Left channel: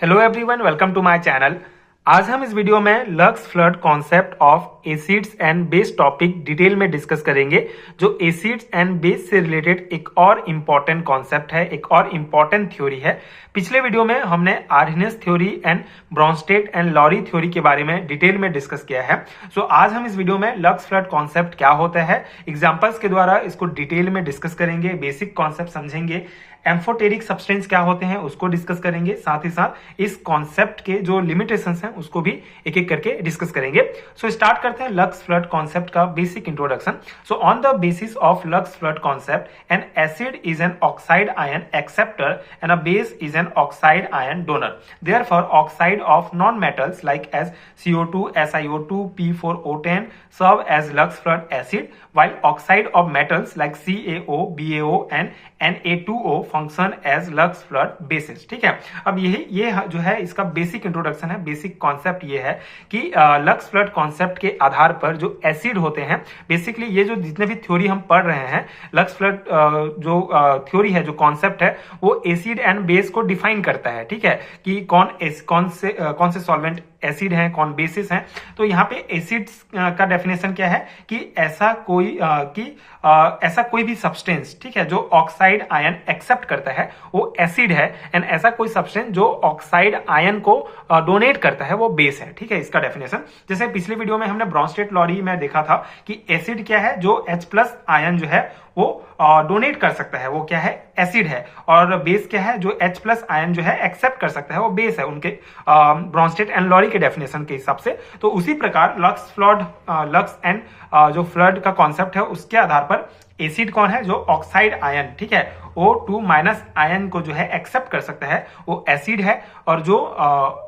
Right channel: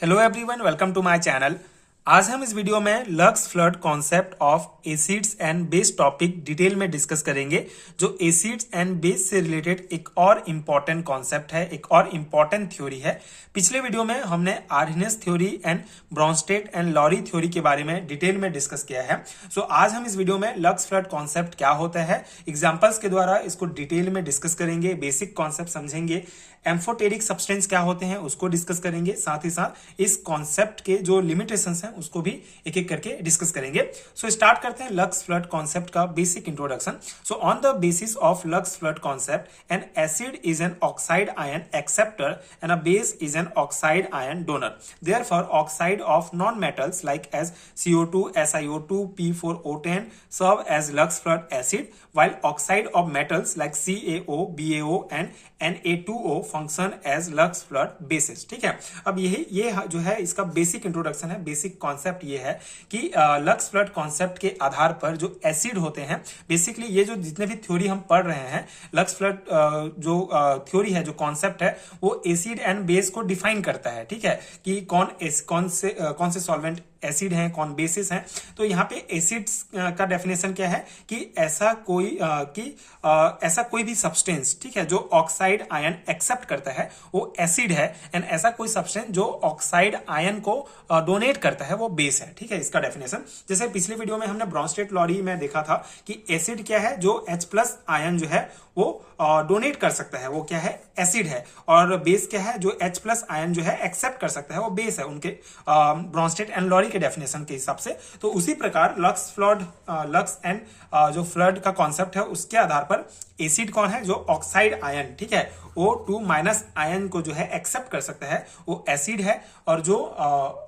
Hello everyone, welcome to my channel. आज हम इस वीडियो में Lux Flood concept of acids and base topic detail में discuss करेंगे। जो एसिड्स एंड बेस से रिलेटेड एक और इम्पॉर्टेंट कॉन्सेप्ट है, एक और इम्पॉर्टेंट थ्योरी है। पिछले वीडियो में हमने Arrhenius theory and Bronsted and Lowry theory के बारे में डिटेल में डिस्कस किया है। सो आज हम इस वीडियो में लक्स फ्लड कॉन्सेप्ट क्या होता है, एग्जाम्पल्स के द्वारा इसको डिटेल में डिस्कस करेंगे, बेसिक कॉन्सेप्ट समझेंगे, एम्फोटेरिक सब्सटेंस क्या होते हैं उसको डिस्कस करेंगे, साथ ही साथ इस कॉन्सेप्ट के जो लिमिटेशंस हैं उसको भी एक एक करके डिस्कस करेंगे। सो स्टार्ट करते हैं लक्स फ्लड कॉन्सेप्ट का basic introduction. So on the basis of Lux Flood concept, an acid is an oxide ion acceptor and a base is an oxide ion donor. Therefore oxide of non metals like as CO2, SiO2, P4O10 serve as Lux flood acid, while oxide of metals like CaO, BaO and Na2O function as Lux flood bases। ठीक है, अब ये जो है इसका basic introduction है। Basic concept ये है कि लक्स फ्लड कॉन्सेप्ट के आधार पर जो एसिड होते हैं, बेसिकली ये जो जितने भी थ्योरी हम पढ़ रहे हैं, लक्स फ्लड जो थ्योरी है, जो कॉन्सेप्ट है, वो एसिड एंड बेस को डिफाइन करता है। ठीक है, कि कौन से सॉल्वेंट एसिड हैं, कौन बेसिस हैं। तो यहाँ पे एसिड्स का डेफिनेशन क्या है कि ऐसा कोई भी सब्सटेंस, ठीक है, जो ऑक्साइड आयन एक्सेप्ट करता है वो एसिड है, एंड ऐसा कोई सब्सटेंस जो ऑक्साइड आयन को डोनेट करता है वो बेस है। ठीक है, इसका डेफिनेशन जैसे पिछले वीडियो में हमने ब्रॉन्स्टेड लॉरी में देखा था कि एसिड क्या है, जो H+ आयन जो है वो डोनेट कर सकता है, वो क्या है, एसिड है, और बेस क्या है, जो H+ आयन जो है एक्सेप्ट कर सकता है वो बेस है, उनके ब्रॉन्स्टेड एंड लॉरी के डेफिनेशन के हिसाब से। तो उसी प्रकार लक्स एंड जो फ्लड का कॉन्सेप्ट है उसके आधार पर एसिड कौन है, जो ऑक्साइड आयन, ठीक है, O2- आयन को जो है एक्सेप्ट कर सकता है वो एसिड है, और जो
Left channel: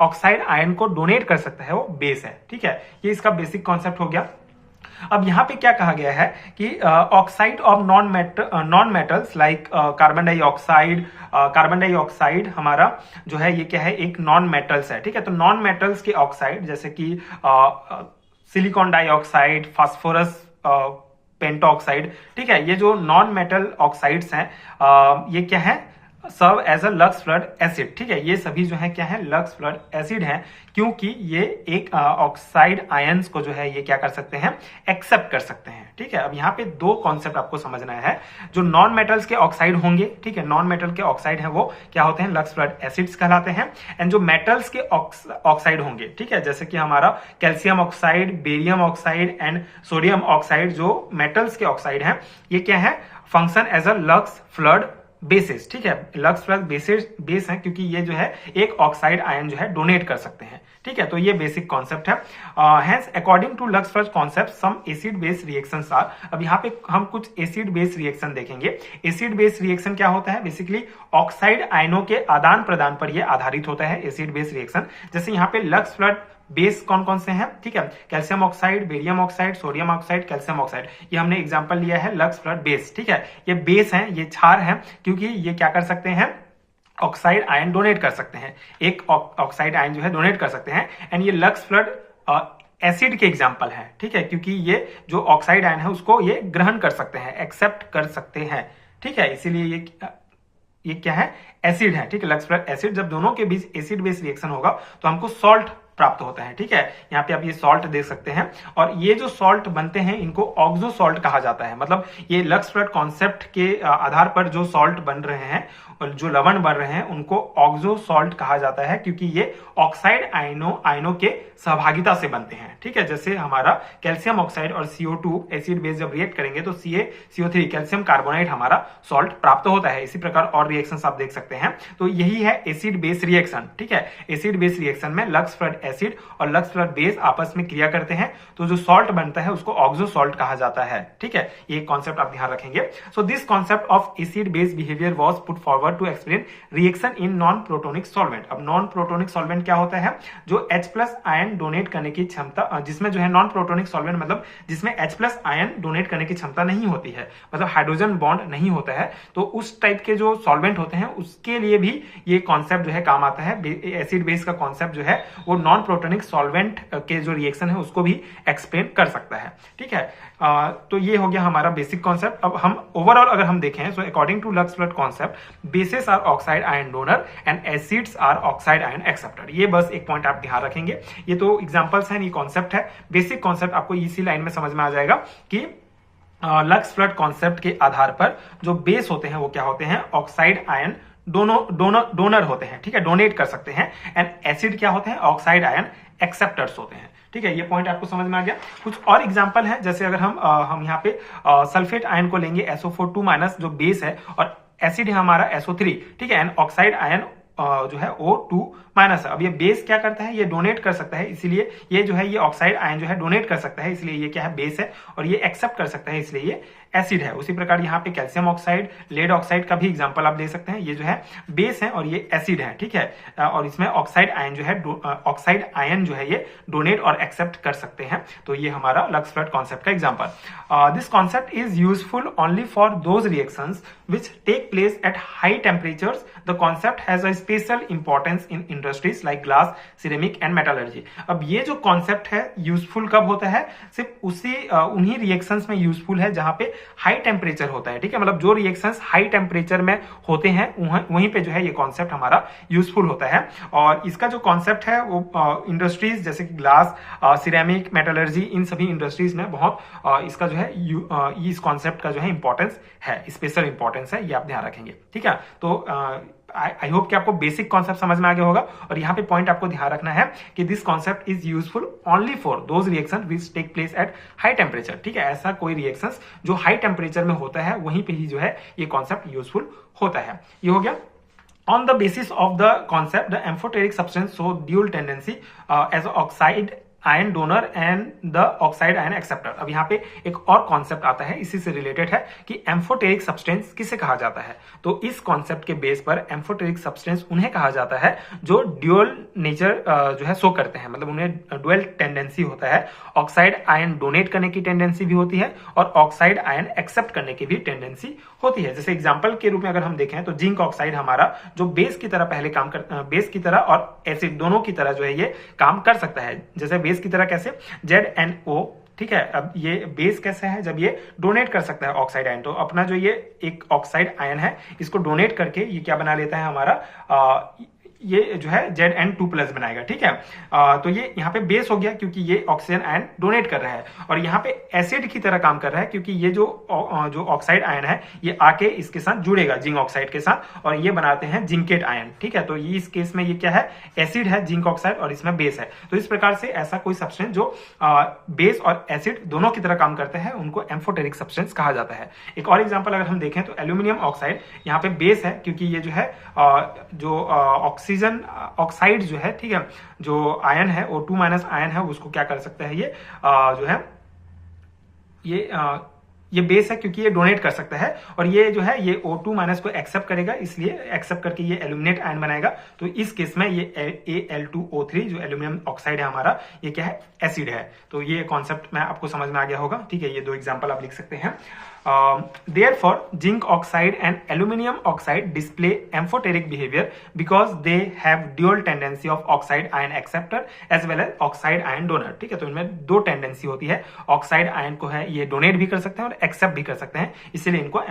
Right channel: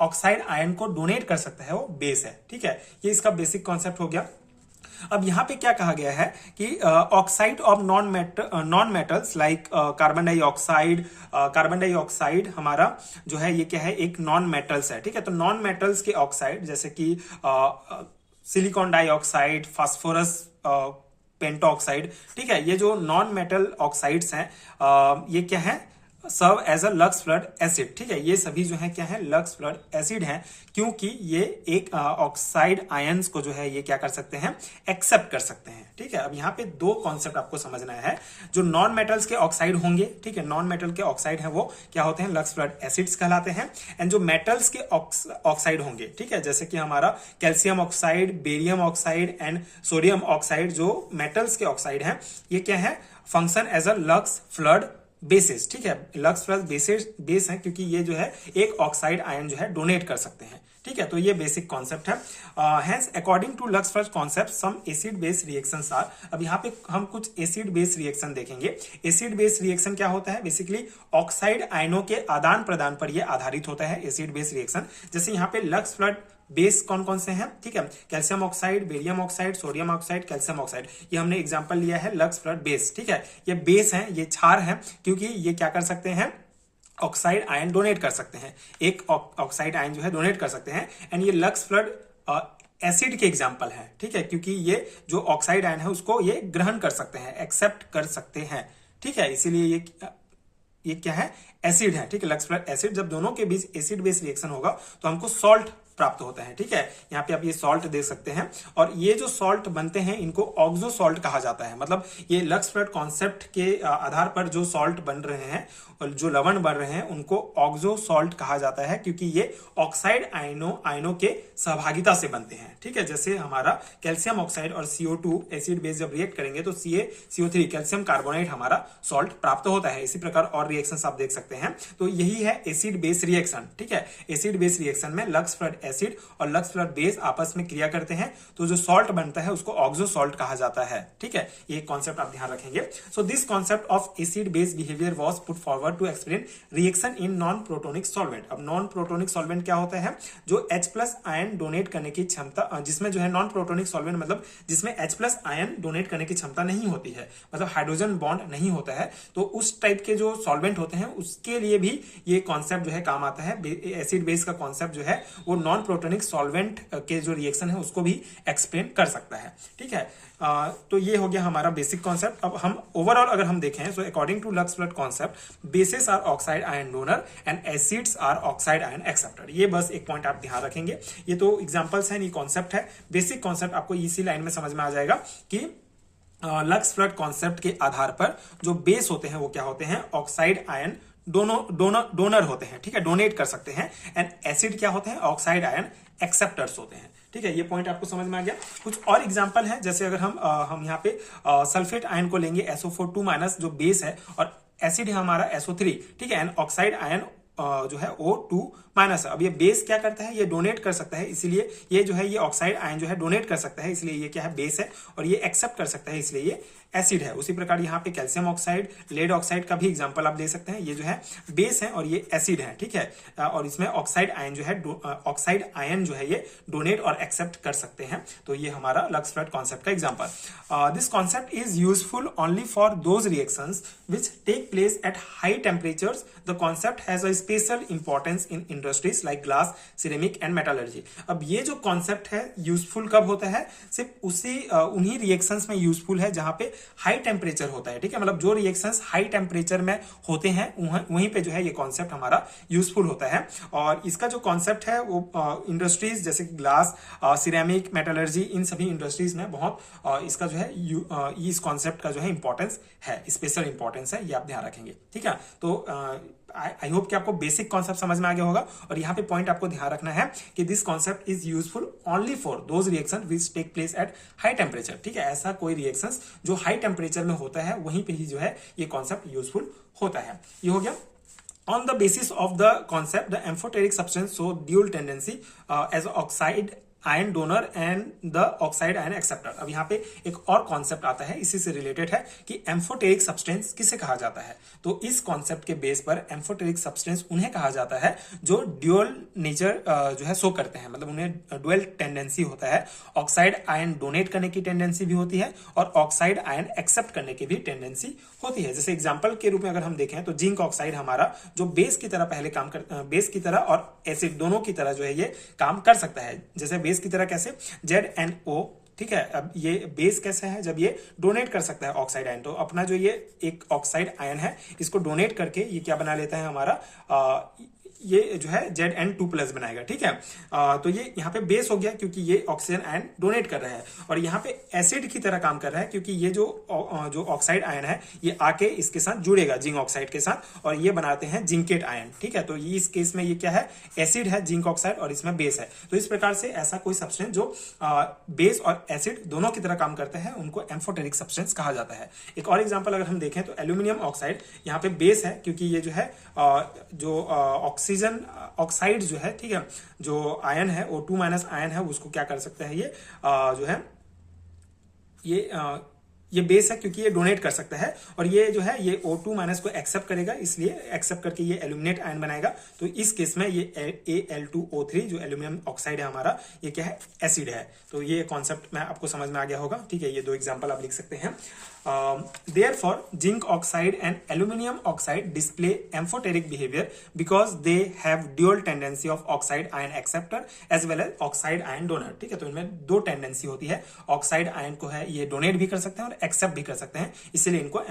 ऑक्साइड आयन को डोनेट कर सकता है वो बेस है। ठीक है, ये इसका बेसिक कॉन्सेप्ट हो गया। अब यहां पे क्या कहा गया है कि oxide of non metals like carbon dioxide हमारा जो है ये क्या है, एक नॉन मेटल्स है। ठीक है, तो नॉन मेटल्स के ऑक्साइड जैसे कि सिलिकॉन डाइऑक्साइड, फास्फोरस पेंटॉक्साइड, ठीक है, ये जो नॉन मेटल ऑक्साइड्स हैं ये क्या है, serve as a Lux Flood acid. ठीक है, ये सभी जो है क्या है, लक्स फ्लड एसिड हैं, क्योंकि ये एक ऑक्साइड आयंस को जो है ये क्या कर सकते हैं, एक्सेप्ट कर सकते हैं। ठीक है, अब यहाँ पे दो कॉन्सेप्ट आपको समझना है। जो नॉन मेटल्स के ऑक्साइड होंगे, ठीक है, नॉन मेटल के ऑक्साइड हैं वो क्या होते हैं, लक्स फ्लड एसिड्स कहलाते हैं। एंड जो मेटल्स के ऑक्साइड होंगे, ठीक है, जैसे कि हमारा calcium oxide, barium oxide and sodium oxide, जो मेटल्स के ऑक्साइड हैं, ये क्या है, function as a Lux Flood basis. ठीक है, लक्स फ्लड बेस है क्योंकि ये जो है एक ऑक्साइड आयन जो है डोनेट कर सकते हैं। ठीक है, तो ये बेसिक कॉन्सेप्ट है। Hence according to Lux Flood concept some acid base reactions are. अब यहाँ पे हम कुछ एसिड बेस रिएक्शन देखेंगे। एसिड बेस रिएक्शन क्या होता है, बेसिकली ऑक्साइड आयनों के आदान प्रदान पर यह आधारित होता है एसिड बेस रिएक्शन। जैसे यहाँ पे लक्स फ्लड बेस कौन कौन से हैं, ठीक है, calcium oxide, barium oxide, sodium oxide, calcium oxide, ये हमने एग्जांपल लिया है लक्स फ्लड बेस। ठीक है, ये बेस हैं, ये क्षार हैं, क्योंकि ये क्या कर सकते हैं, ऑक्साइड आयन डोनेट कर सकते हैं, एक ऑक्साइड आयन जो है डोनेट कर सकते हैं। एंड ये लक्स फ्लड एसिड के एग्जाम्पल है। ठीक है, क्योंकि ये जो ऑक्साइड आयन है उसको ये ग्रहण कर सकते हैं, एक्सेप्ट कर सकते हैं। ठीक है, इसीलिए ये क्या है, एसिड है। ठीक है, लक्स फ्लड एसिड, जब दोनों के बीच एसिड बेस रिएक्शन होगा तो हमको सॉल्ट प्राप्त होता है। ठीक है, यहाँ पे आप ये सॉल्ट देख सकते हैं, और ये जो सॉल्ट बनते हैं इनको ऑक्सो सॉल्ट कहा जाता है। मतलब ये लक्स फ्लड कॉन्सेप्ट के आधार पर जो सॉल्ट बन रहे हैं और जो लवण बन रहे हैं उनको ऑक्सो सॉल्ट कहा जाता है, क्योंकि ये ऑक्साइड आयनों के सहभागिता से बनते हैं। ठीक है, जैसे हमारा कैल्शियम ऑक्साइड और CO2 एसिड बेस जब रिएक्ट करेंगे तो CaCO3 कैल्शियम कार्बोनेट हमारा सॉल्ट प्राप्त होता है। इसी प्रकार और रिएक्शंस आप देख सकते हैं। तो यही है एसिड बेस रिएक्शन। ठीक है, एसिड बेस रिएक्शन में लक्स फ्लड एसिड और लक्स फ्लड बेस आपस में क्रिया करते हैं, तो जो सॉल्ट बनता है उसको ऑक्सो सॉल्ट कहा जाता है। ठीक है, ये कॉन्सेप्ट आप ध्यान रखेंगे। So this concept of acid base behaviour was put forward to explain reaction in non protonic solvent. अब नॉन प्रोटोनिक सॉल्वेंट क्या होता है, जो H+ आयन डोनेट करने की क्षमता, जिसमें जो है नॉन प्रोटोनिक सॉल्वेंट मतलब जिसमें H+ आयन डोनेट करने की क्षमता नहीं होती है, मतलब हाइड्रोजन बॉन्ड नहीं होता है, तो उस टाइप के जो सॉल्वेंट होते हैं उसके लिए भी ये कॉन्सेप्ट जो है काम आता है। एसिड बेस का कॉन्सेप्ट जो है वो नॉन नॉन प्रोटोनिक सॉल्वेंट के जो रिएक्शन है उसको भी एक्सप्लेन कर सकता है। ठीक है, तो ये हो गया हमारा बेसिक कॉन्सेप्ट। अब हम ओवरऑल अगर हम देखें, so according to Lux Flood concept, basis are oxide ion donor and acids are oxide ion acceptor. ये बस एक पॉइंट आप ध्यान रखेंगे। ये तो एग्जांपल्स हैं, ये कॉन्सेप्ट है। बेसिक कॉन्सेप्ट आपको इसी लाइन में समझ में आ जाएगा कि लक्स फ्लड कॉन्सेप्ट के आधार पर जो बेस होते हैं वो क्या होते हैं, ऑक्साइड आयन डोनर होते हैं। ठीक है, डोनेट कर सकते हैं। एंड एसिड क्या होते हैं, ऑक्साइड आयन एक्सेप्टर्स होते हैं। ठीक है, ये पॉइंट आपको समझ में आ गया। कुछ और एग्जांपल है, जैसे अगर हम यहाँ पे सल्फेट आयन को लेंगे, SO4 जो बेस है, और एसिड है हमारा SO3। ठीक है, एंड ऑक्साइड आयन जो है O2 माइनस है। अब ये बेस क्या करता है, ये डोनेट कर सकता है, इसीलिए ये जो है ये ऑक्साइड आयन जो है डोनेट कर सकता है, इसलिए ये क्या है, बेस है। और ये एक्सेप्ट कर सकता है, इसलिए ये एसिड है। उसी प्रकार यहाँ पे कैल्शियम ऑक्साइड, लेड ऑक्साइड का भी एग्जांपल आप दे सकते हैं। ये जो है बेस है और ये एसिड है। ठीक है, और इसमें ऑक्साइड आयन जो है ये डोनेट और एक्सेप्ट कर सकते हैं। तो ये हमारा लक्स फ्लड कॉन्सेप्ट का example. This concept is useful only for those reactions which take place at high temperatures. The concept has a special importance in industries like glass, ceramic and metallurgy. अब ये जो concept है useful कब होता है, सिर्फ उन्हीं रिएक्शंस में यूजफुल है जहां पे हाई टेम्परेचर होता है। ठीक है, मतलब जो रिएक्शंस हाई टेम्परेचर में होते हैं वहीं पे जो है ये कॉन्सेप्ट हमारा यूजफुल होता है। और इसका जो कॉन्सेप्ट है वो इंडस्ट्रीज जैसे कि ग्लास, सिरेमिक, मेटलर्जी, इन सभी इंडस्ट्रीज में बहुत इसका जो है इस कॉन्सेप्ट का जो है इंपॉर्टेंस है, स्पेशल इंपॉर्टेंस है, ये आप ध्यान रखेंगे। ठीक है, तो आई होप कि आपको बेसिक कॉन्सेप्ट समझ में आ गया होगा। और यहाँ पे पॉइंट आपको ध्यान रखना है कि this concept is useful only for those reaction which take place at high temperature. ठीक है, ऐसा कोई रिएक्शंस जो हाई टेम्परेचर में होता है वहीं पे ही जो है ये कॉन्सेप्ट यूजफुल होता है। ये हो गया। On the basis of the concept, the amphoteric substance show dual tendency as oxide ion donor and the oxide ion acceptor. अब यहाँ पे एक और कॉन्सेप्ट आता है, इसी से रिलेटेड है कि एम्फोटेरिक सब्सटेंस किसे कहा जाता है। तो इस कॉन्सेप्ट के बेस पर एम्फोटेरिक सब्सटेंस उन्हें कहा जाता है जो ड्यूअल नेचर जो है शो करते हैं, मतलब उन्हें ड्यूअल टेंडेंसी होता है। ऑक्साइड आयन डोनेट करने की टेंडेंसी भी होती है और ऑक्साइड आयन एक्सेप्ट करने की भी टेंडेंसी होती है। जैसे एग्जांपल के रूप में अगर हम देखें तो जिंक ऑक्साइड हमारा जो बेस की तरह पहले काम कर, बेस की तरह और एसिड दोनों की तरह जो है ये काम कर सकता है। जैसे बेस की तरह कैसे, ZnO। ठीक है, अब ये बेस कैसे है, जब ये डोनेट कर सकता है ऑक्साइड आयन, तो अपना जो ये एक ऑक्साइड आयन है इसको डोनेट करके ये क्या बना लेता है हमारा, ये जो है Zn2+ बनाएगा। ठीक है, तो ये यहाँ पे बेस हो गया क्योंकि ये ऑक्सीजन आयन डोनेट कर रहा है, और यहाँ पे एसिड की तरह काम कर रहा है क्योंकि ये जो ऑक्साइड आयन है ये आके इसके साथ जुड़ेगा जिंक ऑक्साइड के साथ, और ये बनाते हैं जिंकेट आयन। ठीक है, तो ये इस केस में ये क्या है, एसिड है, जिंक ऑक्साइड, और इसमें बेस है। तो इस प्रकार से ऐसा कोई सब्सटेंस जो बेस और एसिड दोनों की तरह काम करते हैं उनको एम्फोटेरिक सब्सटेंस कहा जाता है। एक और एग्जाम्पल अगर हम देखें तो एल्यूमिनियम ऑक्साइड, यहाँ पे बेस है क्योंकि ये जो है जो ऑक्सीजन ऑक्साइड जो है, ठीक है, जो आयन है O2- आयन है उसको क्या कर सकता है, ये जो है ये बेस है क्योंकि ये डोनेट कर सकता है, और ये जो है ये O2- को एक्सेप्ट करेगा, इसलिए एक्सेप्ट करके ये एल्यूमिनेट आयन बनाएगा। तो इस केस में ये Al2O3 जो एल्यूमिनियम ऑक्साइड है हमारा, ये क्या है, एसिड है। तो ये कॉन्सेप्ट में आपको समझ में आ गया होगा। ठीक है, ये दो एग्जांपल आप लिख सकते हैं। Therefore, zinc oxide and aluminum oxide display amphoteric behavior because they have dual tendency of oxide ion acceptor as well as oxide ion donor। ठीक है, तो इनमें दो टेंडेंसी होती है, ऑक्साइड आयन को है ये डोनेट भी कर सकते हैं और एक्सेप्ट भी कर सकते हैं, इसीलिए इनको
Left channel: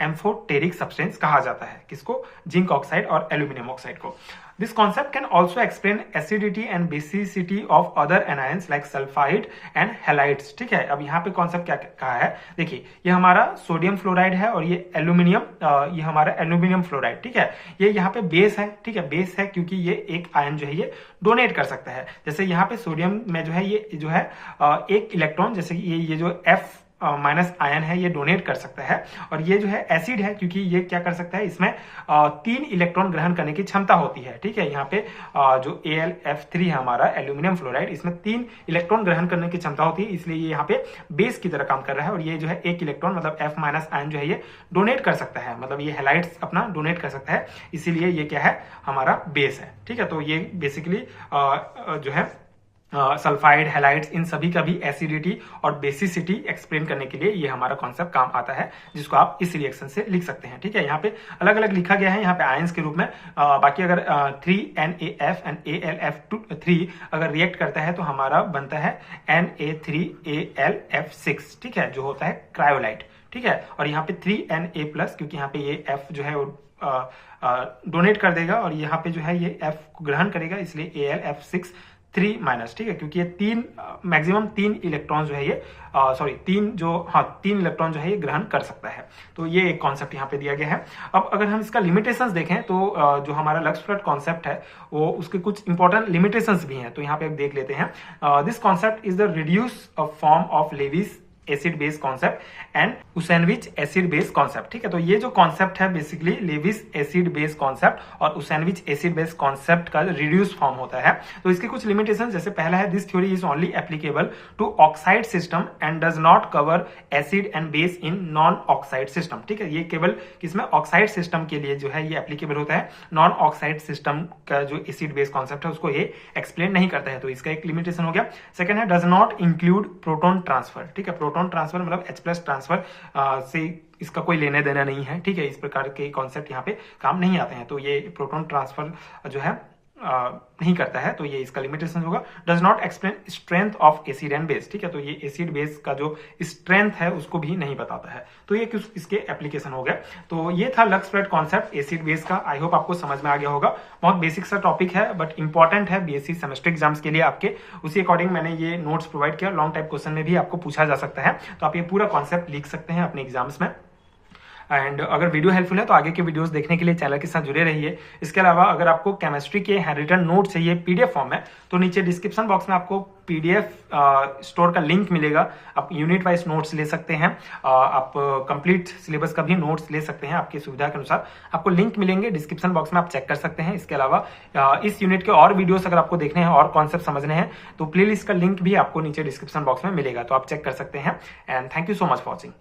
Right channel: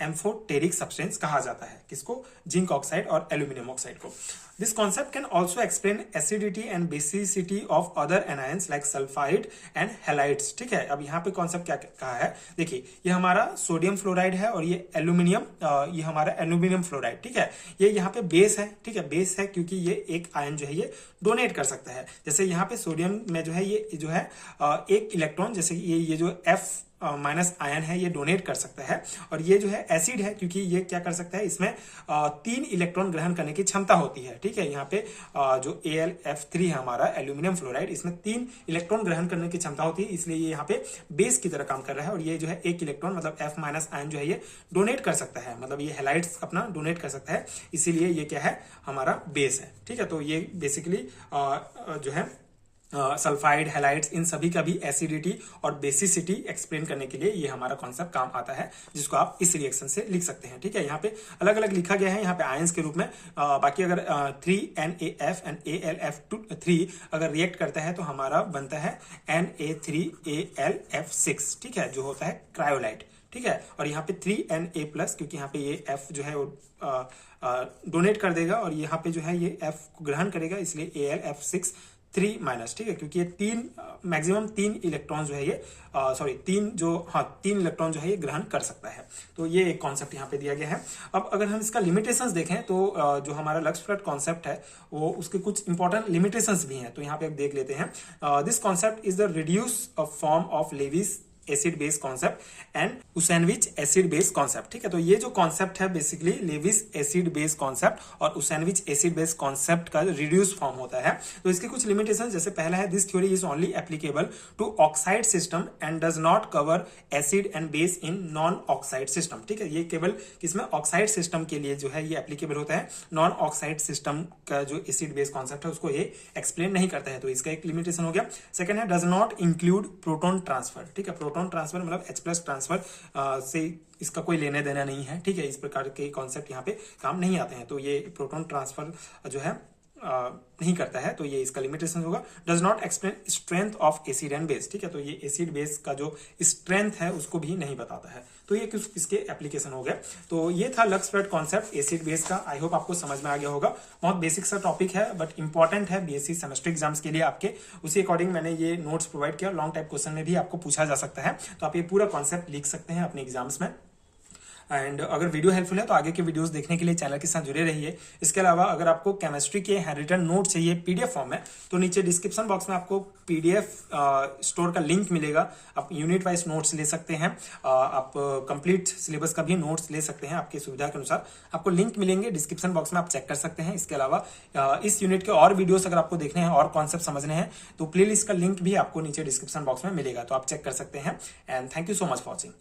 एम्फोटेरिक सब्सटेंस कहा जाता है। किसको, जिंक ऑक्साइड और एल्यूमिनियम ऑक्साइड को। This concept can also explain acidity and basicity of other anions like sulphide and halides. ठीक है, अब यहाँ पे कॉन्सेप्ट क्या कहा है, देखिए ये हमारा सोडियम फ्लोराइड है और ये एल्यूमिनियम, ये हमारा एल्यूमिनियम फ्लोराइड। ठीक है, ये यहाँ पे बेस है। ठीक है, बेस है क्योंकि ये एक आयन जो है ये डोनेट कर सकता है। जैसे यहाँ पे सोडियम में जो है ये जो है एक इलेक्ट्रॉन, जैसे ये जो F- आयन है ये डोनेट कर सकता है, और ये जो है एसिड है क्योंकि ये क्या कर सकता है, इसमें 3 इलेक्ट्रॉन ग्रहण करने की क्षमता होती है। ठीक है, यहाँ पे जो AlF3 है हमारा एल्यूमिनियम फ्लोराइड, इसमें 3 इलेक्ट्रॉन ग्रहण करने की क्षमता होती है, इसलिए ये यहाँ पे बेस की तरह काम कर रहा है। और ये जो है एक इलेक्ट्रॉन मतलब F- आयन जो है ये डोनेट कर सकता है, मतलब ये हैलाइड्स अपना डोनेट कर सकता है, इसीलिए ये क्या है, हमारा बेस है। ठीक है, तो ये बेसिकली जो है सल्फाइड, हैलाइड्स, इन सभी का भी एसिडिटी और बेसिसिटी एक्सप्लेन करने के लिए ये हमारा कॉन्सेप्ट काम आता है, जिसको आप इस रिएक्शन से लिख सकते हैं। ठीक है, यहाँ पे अलग अलग लिखा गया है, यहाँ पे आयंस के रूप में। बाकी अगर 3NaF एंड Al(F)3 अगर रिएक्ट करता है तो हमारा बनता है Na3Al(F)6, ठीक है, जो होता है क्रायोलाइट। ठीक है, और यहाँ पे 3Na+, क्योंकि यहाँ पे ये F जो है वो डोनेट कर देगा और यहाँ पे जो है ये F को ग्रहण करेगा, इसलिए Al(F)6 3-, ठीक है, क्योंकि ये मैक्सिमम 3 इलेक्ट्रॉन जो है ये तीन इलेक्ट्रॉन जो है ये ग्रहण कर सकता है। तो ये एक कॉन्सेप्ट यहाँ पे दिया गया है। अब अगर हम इसका लिमिटेशंस देखें तो जो हमारा लक्स फ्लोरेट कॉन्सेप्ट है वो उसके कुछ इंपॉर्टेंट लिमिटेशंस भी हैं, तो यहाँ पे देख लेते हैं। This concept is the reduce form of Lewis acid base concept and Usanovich acid base concept. ठीक है, तो ये जो कॉन्सेप्ट है basically Lewis acid base concept और उसैनविच एसिड बेस कॉन्सेप्ट का रिड्यूस फॉर्म होता है। तो इसके कुछ लिमिटेशन, जैसे पहला है, this theory is only applicable to oxide system and does not cover acid and base in non oxide system. ठीक है, ये केवल किसमें, ऑक्साइड सिस्टम के लिए जो है ये एप्लीकेबल होता है। नॉन ऑक्साइड सिस्टम का जो एसिड बेस कॉन्सेप्ट है उसको ये एक्सप्लेन नहीं करता है, तो इसका एक लिमिटेशन हो गया। सेकंड है, does not include proton transfer. ठीक है, प्रोटॉन ट्रांसफर मतलब H+ ट्रांसफर से इसका कोई लेने देना नहीं है। ठीक है, इस प्रकार के कॉन्सेप्ट यहाँ पे काम नहीं आते हैं, तो ये प्रोटॉन ट्रांसफर जो है नहीं करता है, तो ये इसका लिमिटेशन होगा। Does not explain strength of acid and base. ठीक है, तो ये एसिड बेस का जो स्ट्रेंथ है उसको भी नहीं बताता है, तो ये कुछ इसके एप्लीकेशन हो गया। तो ये था Lux Flood concept acid base का। आई होप आपको समझ में आ गया होगा। बहुत बेसिक सा टॉपिक है बट इंपॉर्टेंट है बीएससी सेमेस्टर एग्जाम्स के लिए आपके, उसी अकॉर्डिंग मैंने ये नोट्स प्रोवाइड किया। लॉन्ग टाइप क्वेश्चन में भी आपको पूछा जा सकता है, तो आप ये पूरा कॉन्सेप्ट लिख सकते हैं अपने एग्जाम्स में। एंड अगर वीडियो हेल्पफुल है तो आगे के वीडियोस देखने के लिए चैनल के साथ जुड़े रहिए। इसके अलावा अगर आपको केमिस्ट्री के रिटन नोट चाहिए पीडीएफ फॉर्म में, तो नीचे डिस्क्रिप्शन बॉक्स में आपको पीडीएफ स्टोर का लिंक मिलेगा। आप यूनिट वाइज नोट्स ले सकते हैं, आप कंप्लीट सिलेबस का भी नोट्स ले सकते हैं, आपकी सुविधा के अनुसार आपको लिंक मिलेंगे डिस्क्रिप्शन बॉक्स में, आप चेक कर सकते हैं। इसके अलावा इस यूनिट के और वीडियोस अगर आपको देखने हैं और कॉन्सेप्ट समझने हैं तो प्लेलिस्ट का लिंक भी आपको नीचे डिस्क्रिप्शन बॉक्स में मिलेगा, तो आप चेक कर सकते हैं। And thank you so much for watching.